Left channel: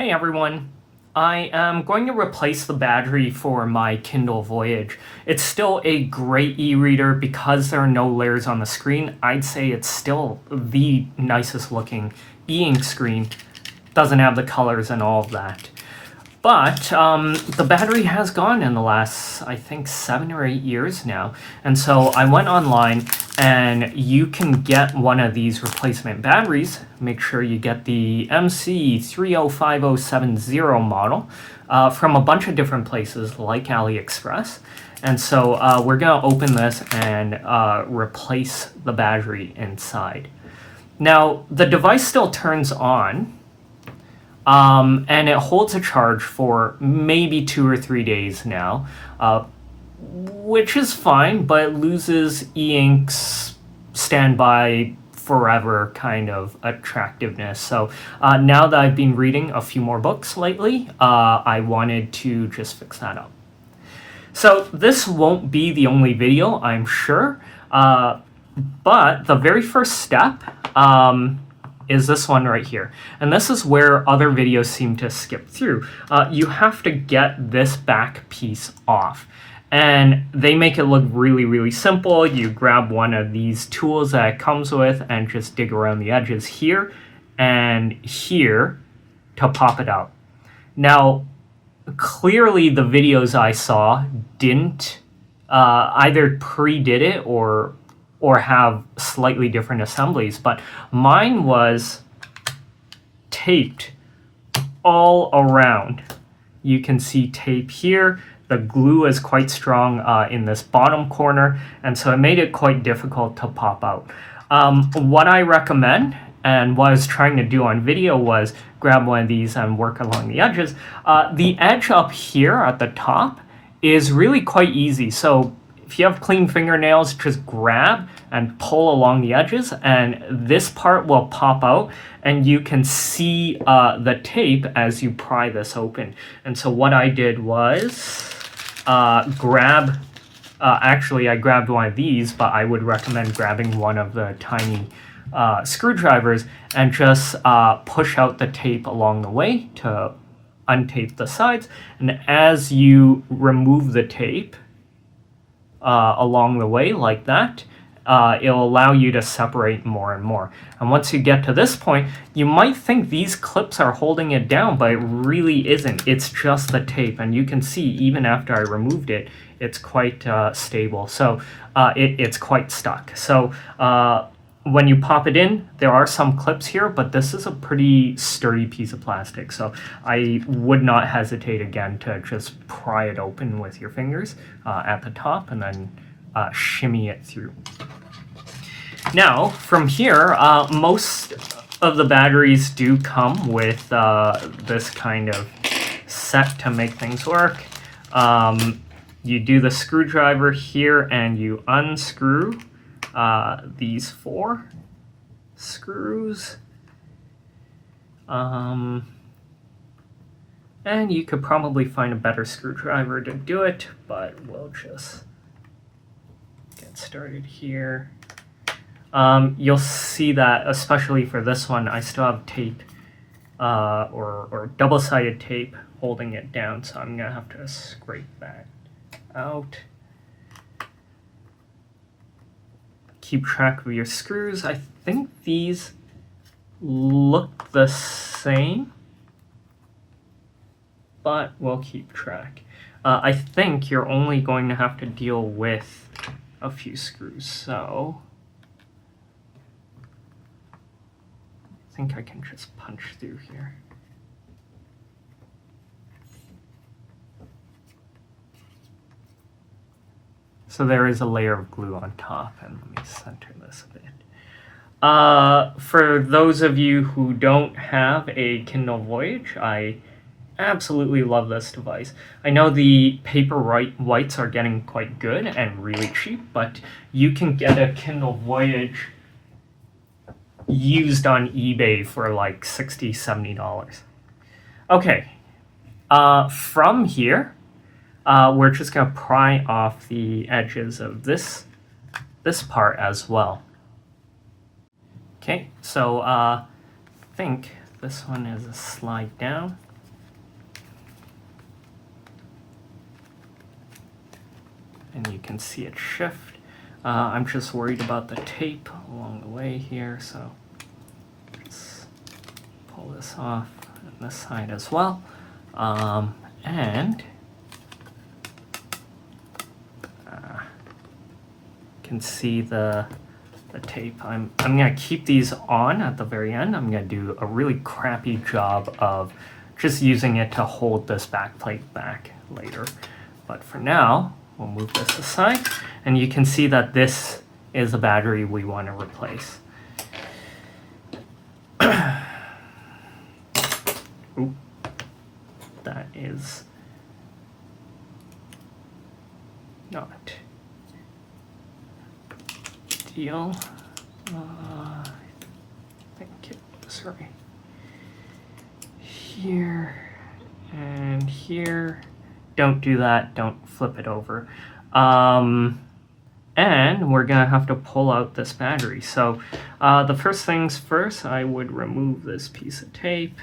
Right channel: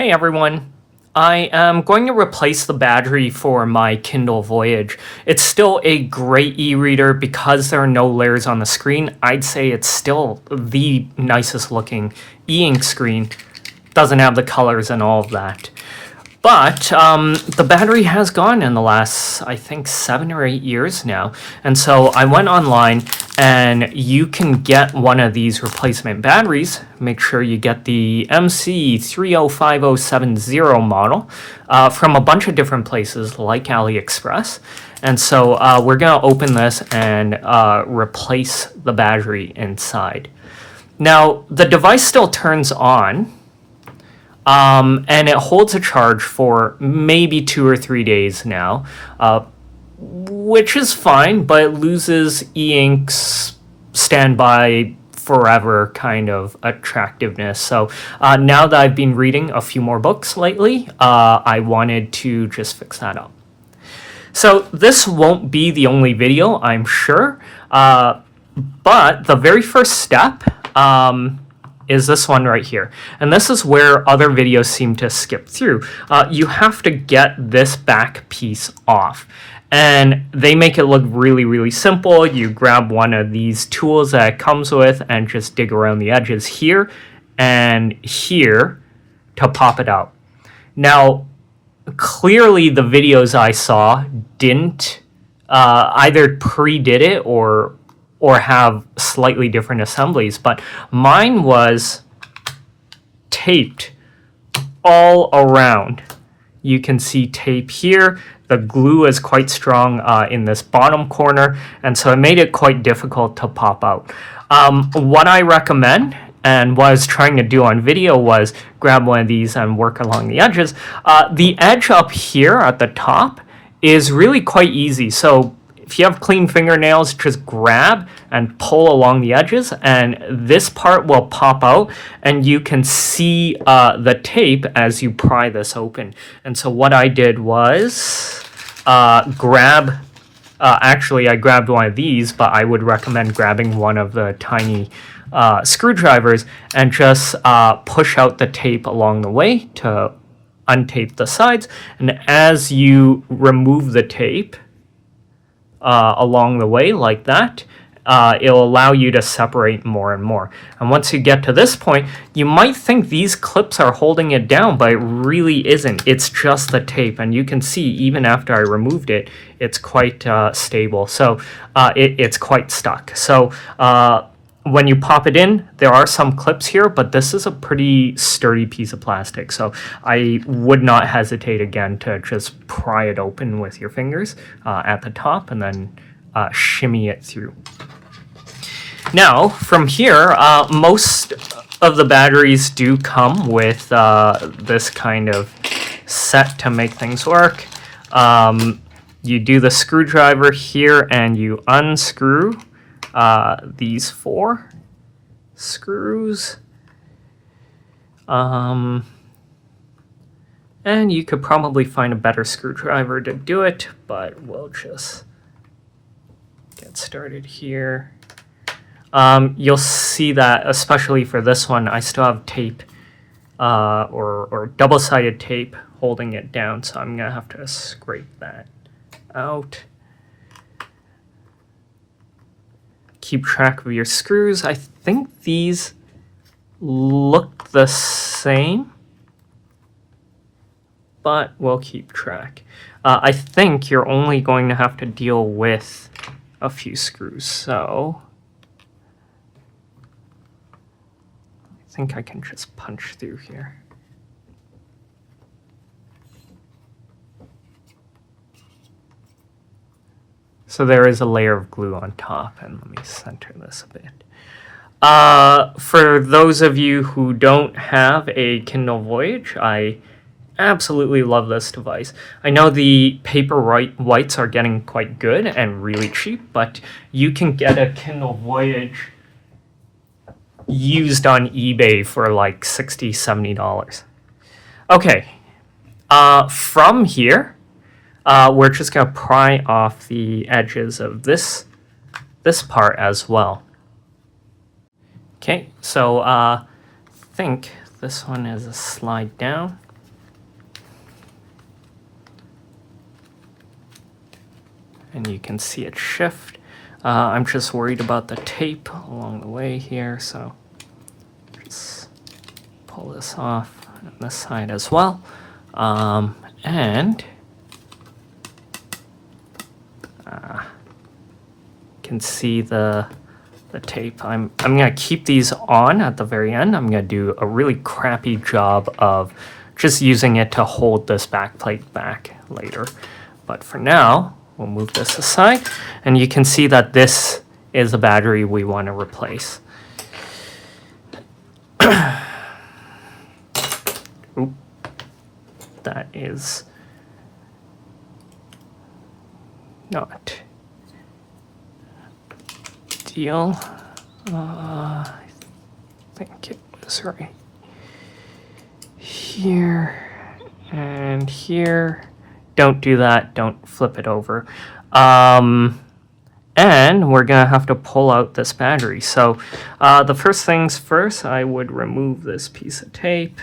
Hey everyone, I am going to replace the battery for my Kindle Voyage. It's still a great e-reader because there are no layers on the screen. I'd say it's still the nicest looking e-ink screen. Doesn't have the colors and all of that. But the battery has gone in the last, I think, 7 or 8 years now. And so I went online and you can get one of these replacement batteries. Make sure you get the MC305070 model from a bunch of different places like AliExpress. And so we're going to open this and replace the battery inside. Now, the device still turns on. And it holds a charge for maybe 2 or 3 days now, which is fine, but it loses e-ink's standby forever kind of attractiveness. So now that I've been reading a few more books lately, I wanted to just fix that up. So this won't be the only video, I'm sure, but the very first step is this one right here. And this is where other videos seem to skip through. You have to get this back piece off. And they make it look really, really simple. You grab one of these tools that it comes with and just dig around the edges here and here to pop it out. Now, clearly the videos I saw didn't either pre-did it or have slightly different assemblies, but mine was taped all around. You can see tape here. The glue is quite strong in this bottom corner, and so it made it quite difficult to pop out. What I recommend, and what I was trying to do on video, was grab one of these and work along the edges. The edge up here at the top is really quite easy, so if you have clean fingernails, just grab and pull along the edges, and this part will pop out, and you can see the tape as you pry this open. And so what I did was actually I grabbed one of these, but I would recommend grabbing one of the tiny screwdrivers and just push out the tape along the way to untape the sides. And as you remove the tape, along the way like that, it'll allow you to separate more and more. And once you get to this point, you might think these clips are holding it down, but it really isn't. It's just the tape, and you can see even after I removed it, it's quite stable. So it's quite stuck. So when you pop it in, there are some clips here, but this is a pretty sturdy piece of plastic. So I would not hesitate again to just pry it open with your fingers at the top and then shimmy it through. Now, from here, most of the batteries do come with this kind of set to make things work. You do the screwdriver here and you unscrew these 4 screws, and you could probably find a better screwdriver to do it, but we'll just get started here. You'll see that, especially for this one, I still have tape or double-sided tape holding it down, so I'm gonna have to scrape that out. Keep track of your screws. I think these look the same, but we'll keep track. I think you're only going to have to deal with a few screws, so I think I can just punch through here. So there is a layer of glue on top, and let me center this a bit. For those of you who don't have a Kindle Voyage, I absolutely love this device. I know the paper whites are getting quite good and really cheap, but you can get a Kindle Voyage used on eBay for like $60, $70. Okay, from here, we're just going to pry off the edges of this part as well. Okay, so I think this one is a slide down. and you can see it shift. I'm just worried about the tape along the way here, so just pull this off on this side as well. And can see the tape. I'm gonna keep these on at the very end. I'm gonna do a really crappy job of just using it to hold this back plate back later. But for now, we'll move this aside, and you can see that this is a battery we want to replace. Oop. That is not ideal. I think it was right here and here. Don't do that. Don't flip it over. And we're going to have to pull out this battery. So the first things first, I would remove this piece of tape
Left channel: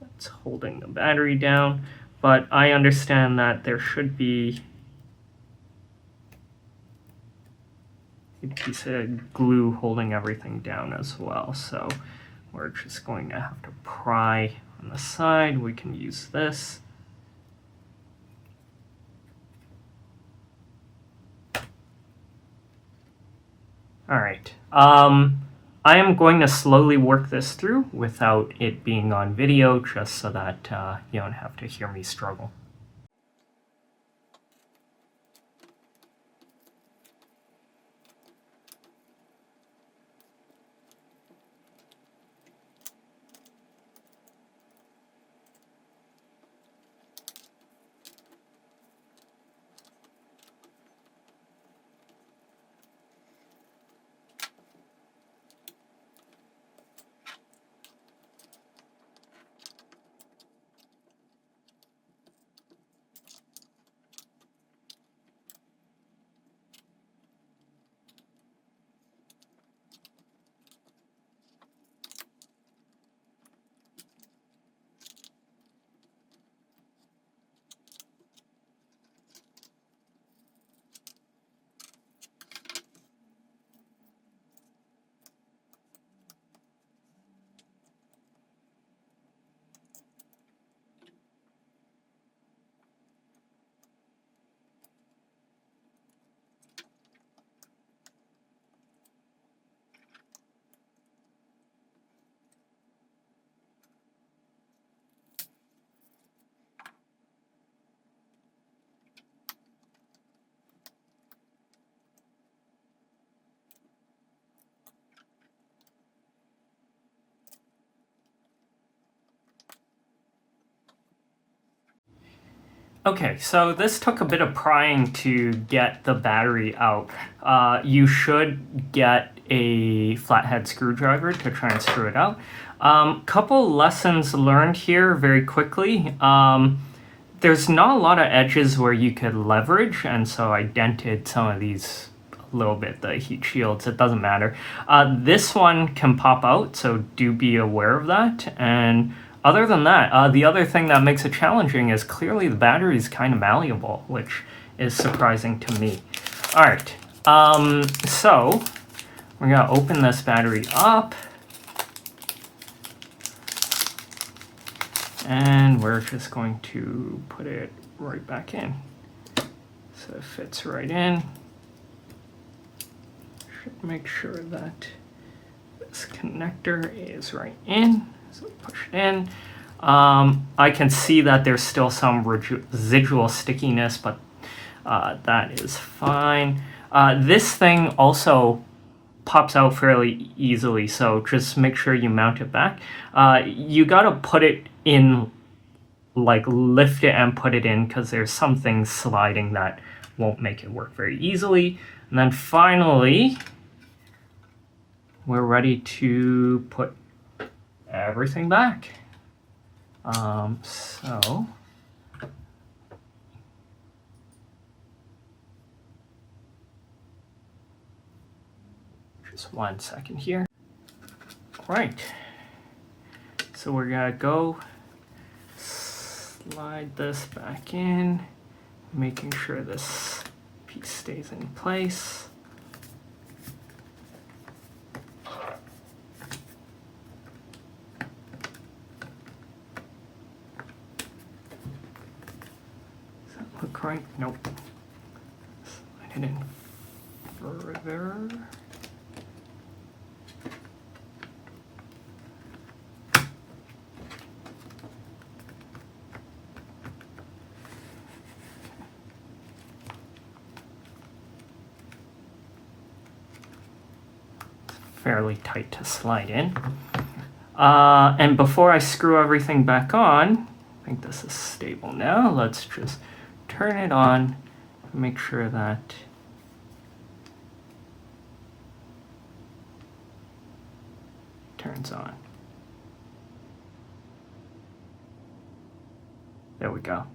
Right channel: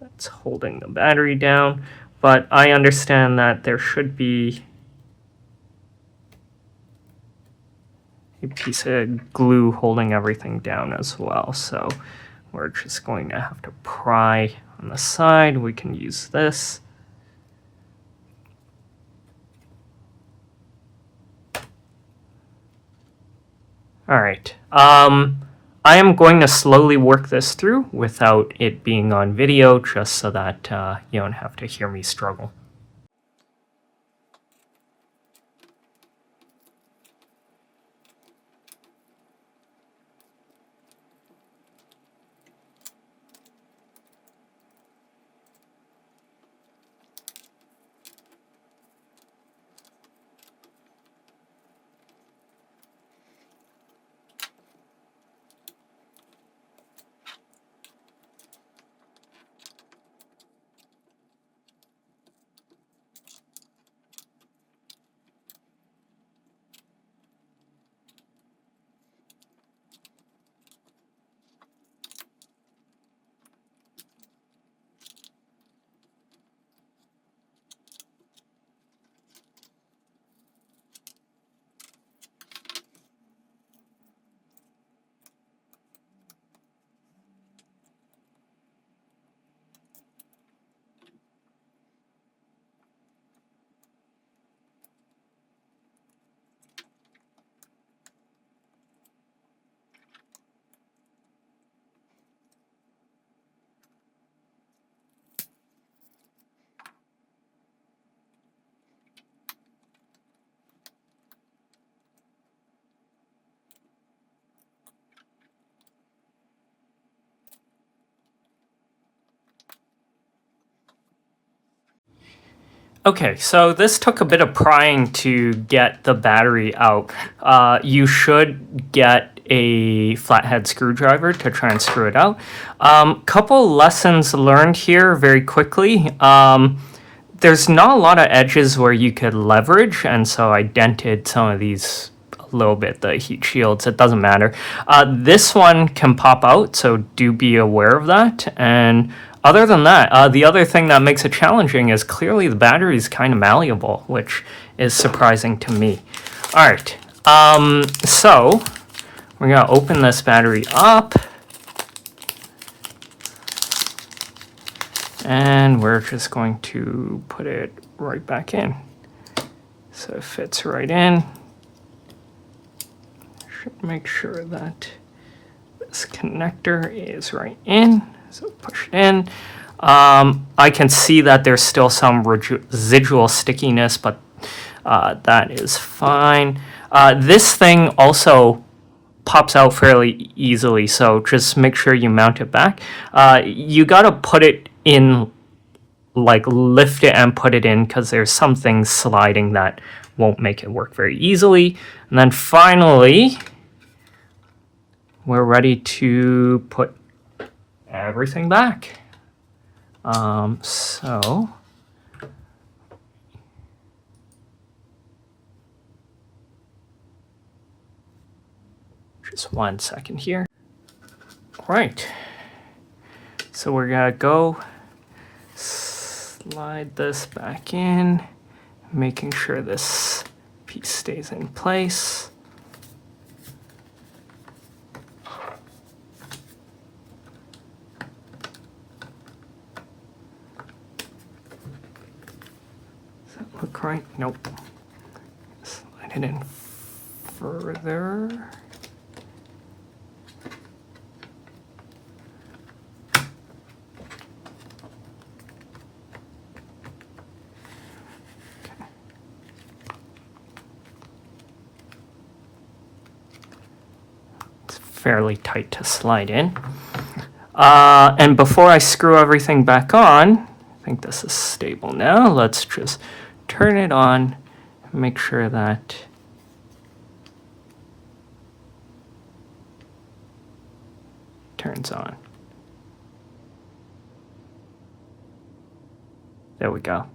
that's holding the battery down. But I understand that there should be a piece of glue holding everything down as well. So we're just going to have to pry on the side. We can use this. All right. I am going to slowly work this through without it being on video, just so that you don't have to hear me struggle. Okay, so this took a bit of prying to get the battery out. You should get a flathead screwdriver to try and screw it out. Couple lessons learned here very quickly. There's not a lot of edges where you could leverage, and so I dented some of these a little bit, the heat shields. It doesn't matter. This one can pop out, so do be aware of that. And other than that, the other thing that makes it challenging is clearly the battery is kind of malleable, which is surprising to me. All right, so we're going to open this battery up. And we're just going to put it right back in. So it fits right in. Should make sure that this connector is right in. So push it in. I can see that there's still some residual stickiness, but that is fine. This thing also pops out fairly easily, so just make sure you mount it back. You gotta put it in, like lift it and put it in, because there's some things sliding that won't make it work very easily. And then finally, we're ready to put everything back. So just 1 second here. Right. So we're gonna go slide this back in, making sure this piece stays in place. Does that look right? Nope. Slide it in further. Fairly tight to slide in. And before I screw everything back on, I think this is stable now. Let's just turn it on and make sure that it turns on. There we go.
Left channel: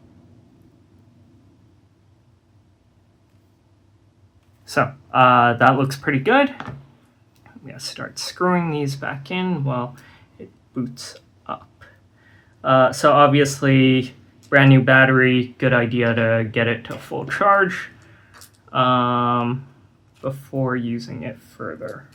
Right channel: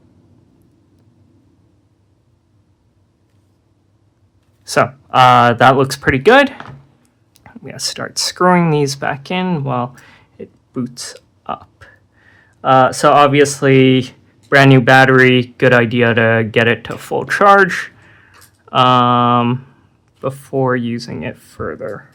So that looks pretty good. I'm going to start screwing these back in while it boots up. So obviously, brand new battery, good idea to get it to full charge before using it further.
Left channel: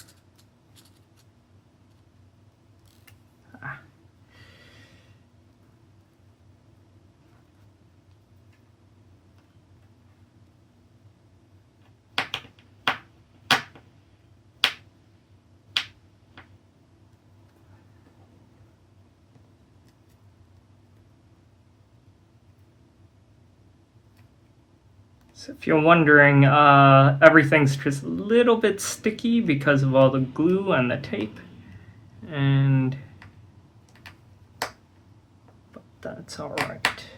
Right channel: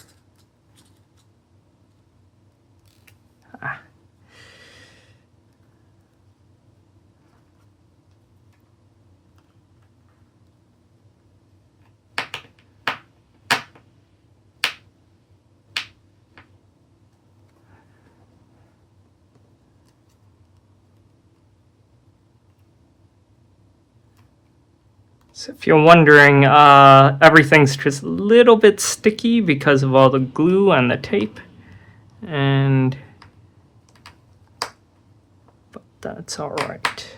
So if you're wondering, everything's just a little bit sticky because of all the glue and the tape. But that's all right.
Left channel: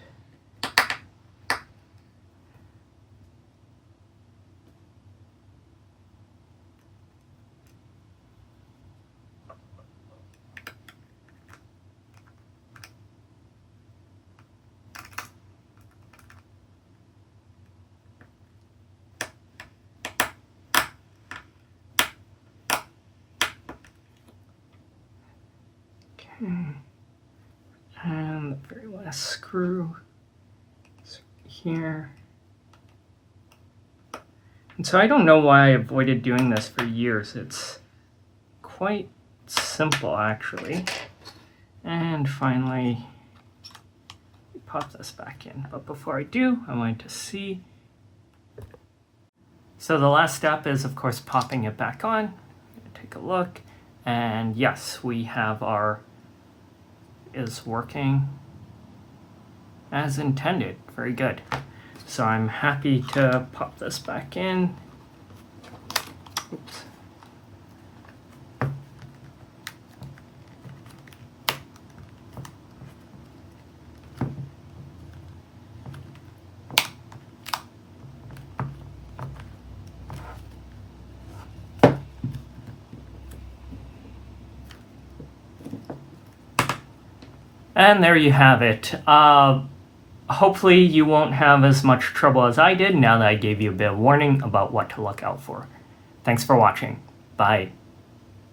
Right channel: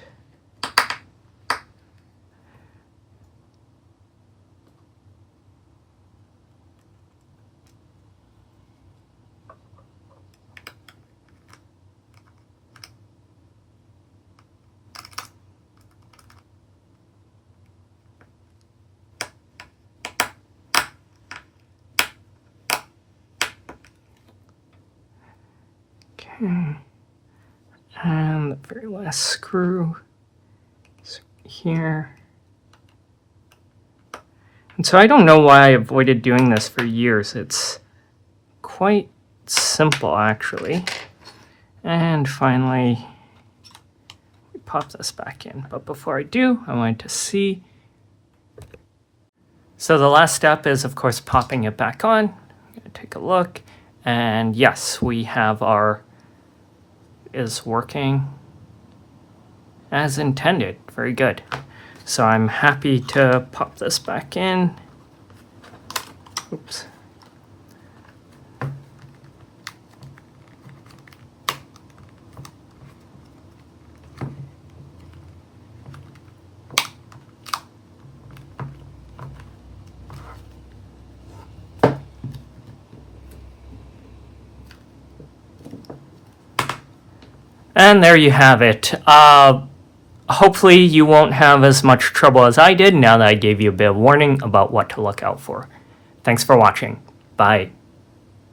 And the very last screw is here. And so I don't know why I avoided doing this for years. It's quite simple, actually. And finally, we pop this back in. But before I do, I wanted to see. So the last step is, of course, popping it back on. I'm going to take a look. And yes, we have our is working as intended. Very good. So I'm happy to pop this back in. Oops. And there you have it. Hopefully you won't have as much trouble as I did now that I gave you a bit of warning about what to look out for. Thanks for watching. Bye.